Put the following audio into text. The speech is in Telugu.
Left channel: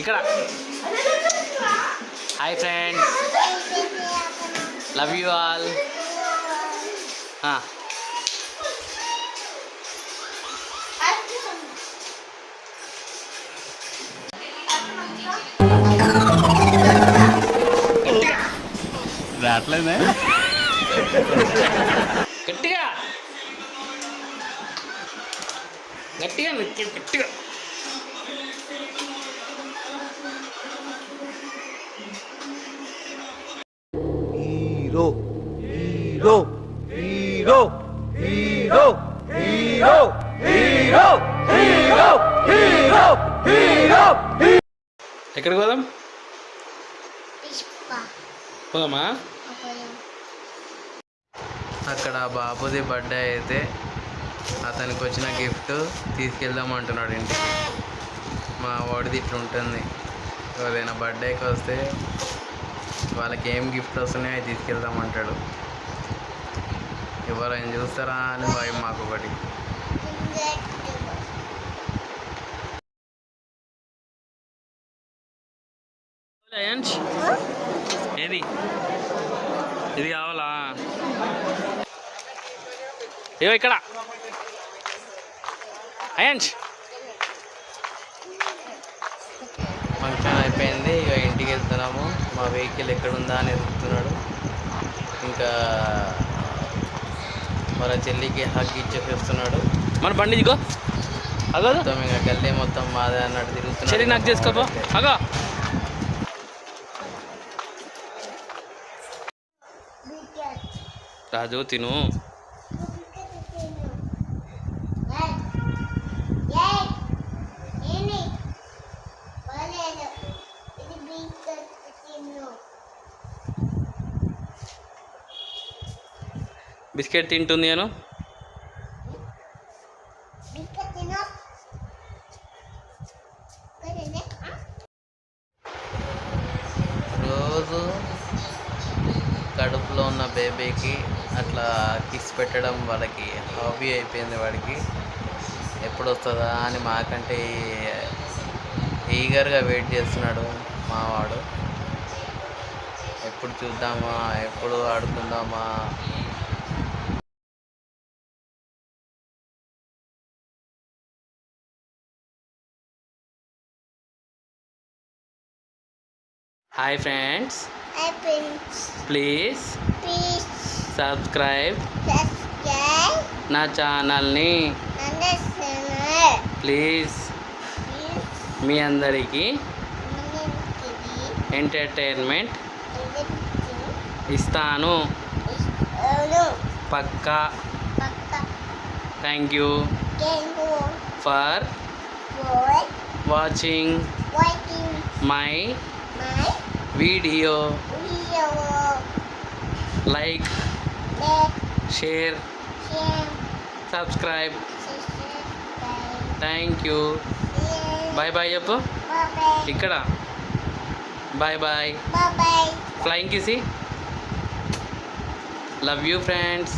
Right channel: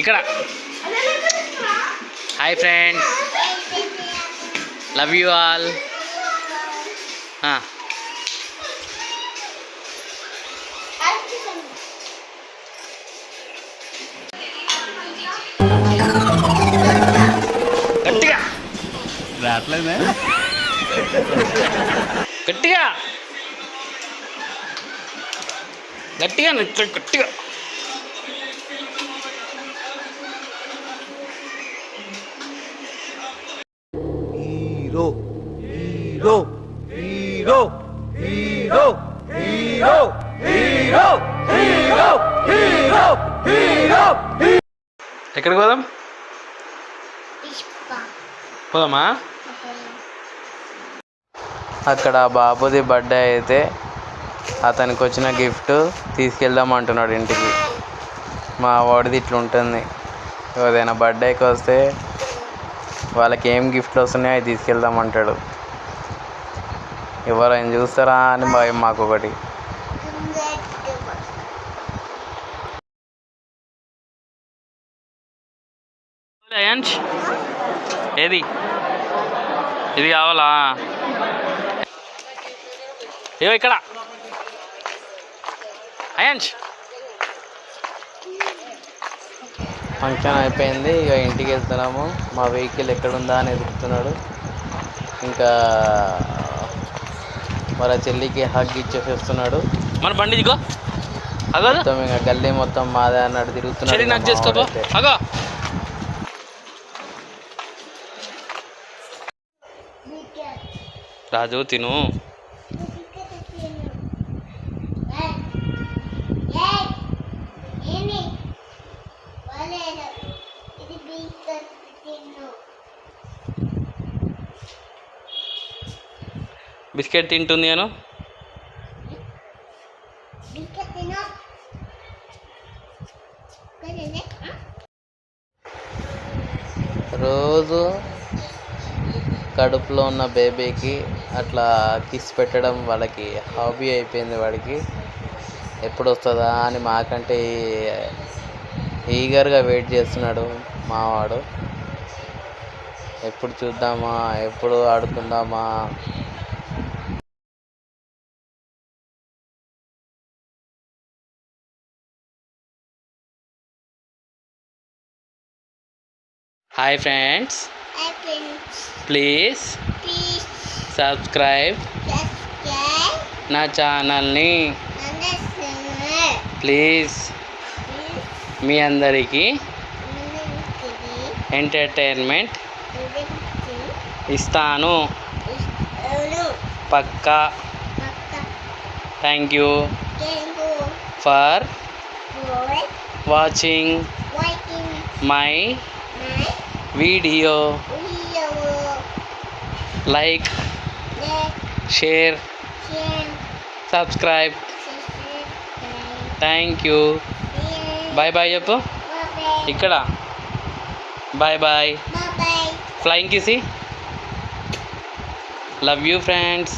ఇక్కడ hi friends, love you all. గట్టిగా రావట్లేదే, గట్టిగా గట్టిగా గట్టిగా. Hero hero hero hero hero hero hero hero hero. ఎక్కడికి పోదాం? పోదామా? అక్కడ బాబుది బర్త్డే అయితే అతనికి వచ్చిన గిఫ్ట్ తీసుకెళ్దాం అంటున్నాడు ఇంటికి. మా వాడిది ఇట్లా ఉంటుంది, ఏదైనా బర్త్డేకి వస్తే వాళ్ళకి ఏం గిఫ్ట్లు వస్తున్నాయో అవి తీసుకెళ్దామంటాడు. ఎవరైనా చూస్తారా అని భయం మాకు ఒకటి. ఏది ఇది కావాలా? ఏవో ఇక్కడ అయాన్ష్. ఫంక్షన్ అయిపోయింది, ఇక ఇంటికి వెళ్తున్నాము. మా వెహికల్ ఎక్కడుందా అని వెతుకుతున్నాడు. ఇంకా వాళ్ళ చెల్లికి హగ్ ఇచ్చేసి వస్తున్నాడు. మన బండి ఇదిగో మొత్తం ఇంకా గల్లీ మొత్తం మాదే అన్నట్టు తిరుగుతున్నాడు. రాజు తిను. బిస్కెట్ తింటుంది నేను. రోజు కడుపులో ఉన్న బేబీకి అట్లా కిస్ పెట్టడం వాళ్ళకి హాబీ అయిపోయింది. వాడికి ఎప్పుడు వస్తుందా అని మాకంటే ఈగర్గా వెయిట్ చేస్తున్నాడు మావాడు. ఎప్పుడు చూద్దామా, ఎప్పుడు ఆడుకుందామా. హాయ్ ఫ్రెండ్స్, ప్లీజ్ సబ్స్క్రైబ్ నా ఛానల్ని. ప్లీజ్ మీ అందరికీ ఎంటర్టైన్మెంట్ ఇస్తాను పక్కా. Thank you for watching my video. Like, share, subscribe. Thank you. Bye bye చెప్పు. ఇక్కడ bye bye. Flying kiss. Love you friends.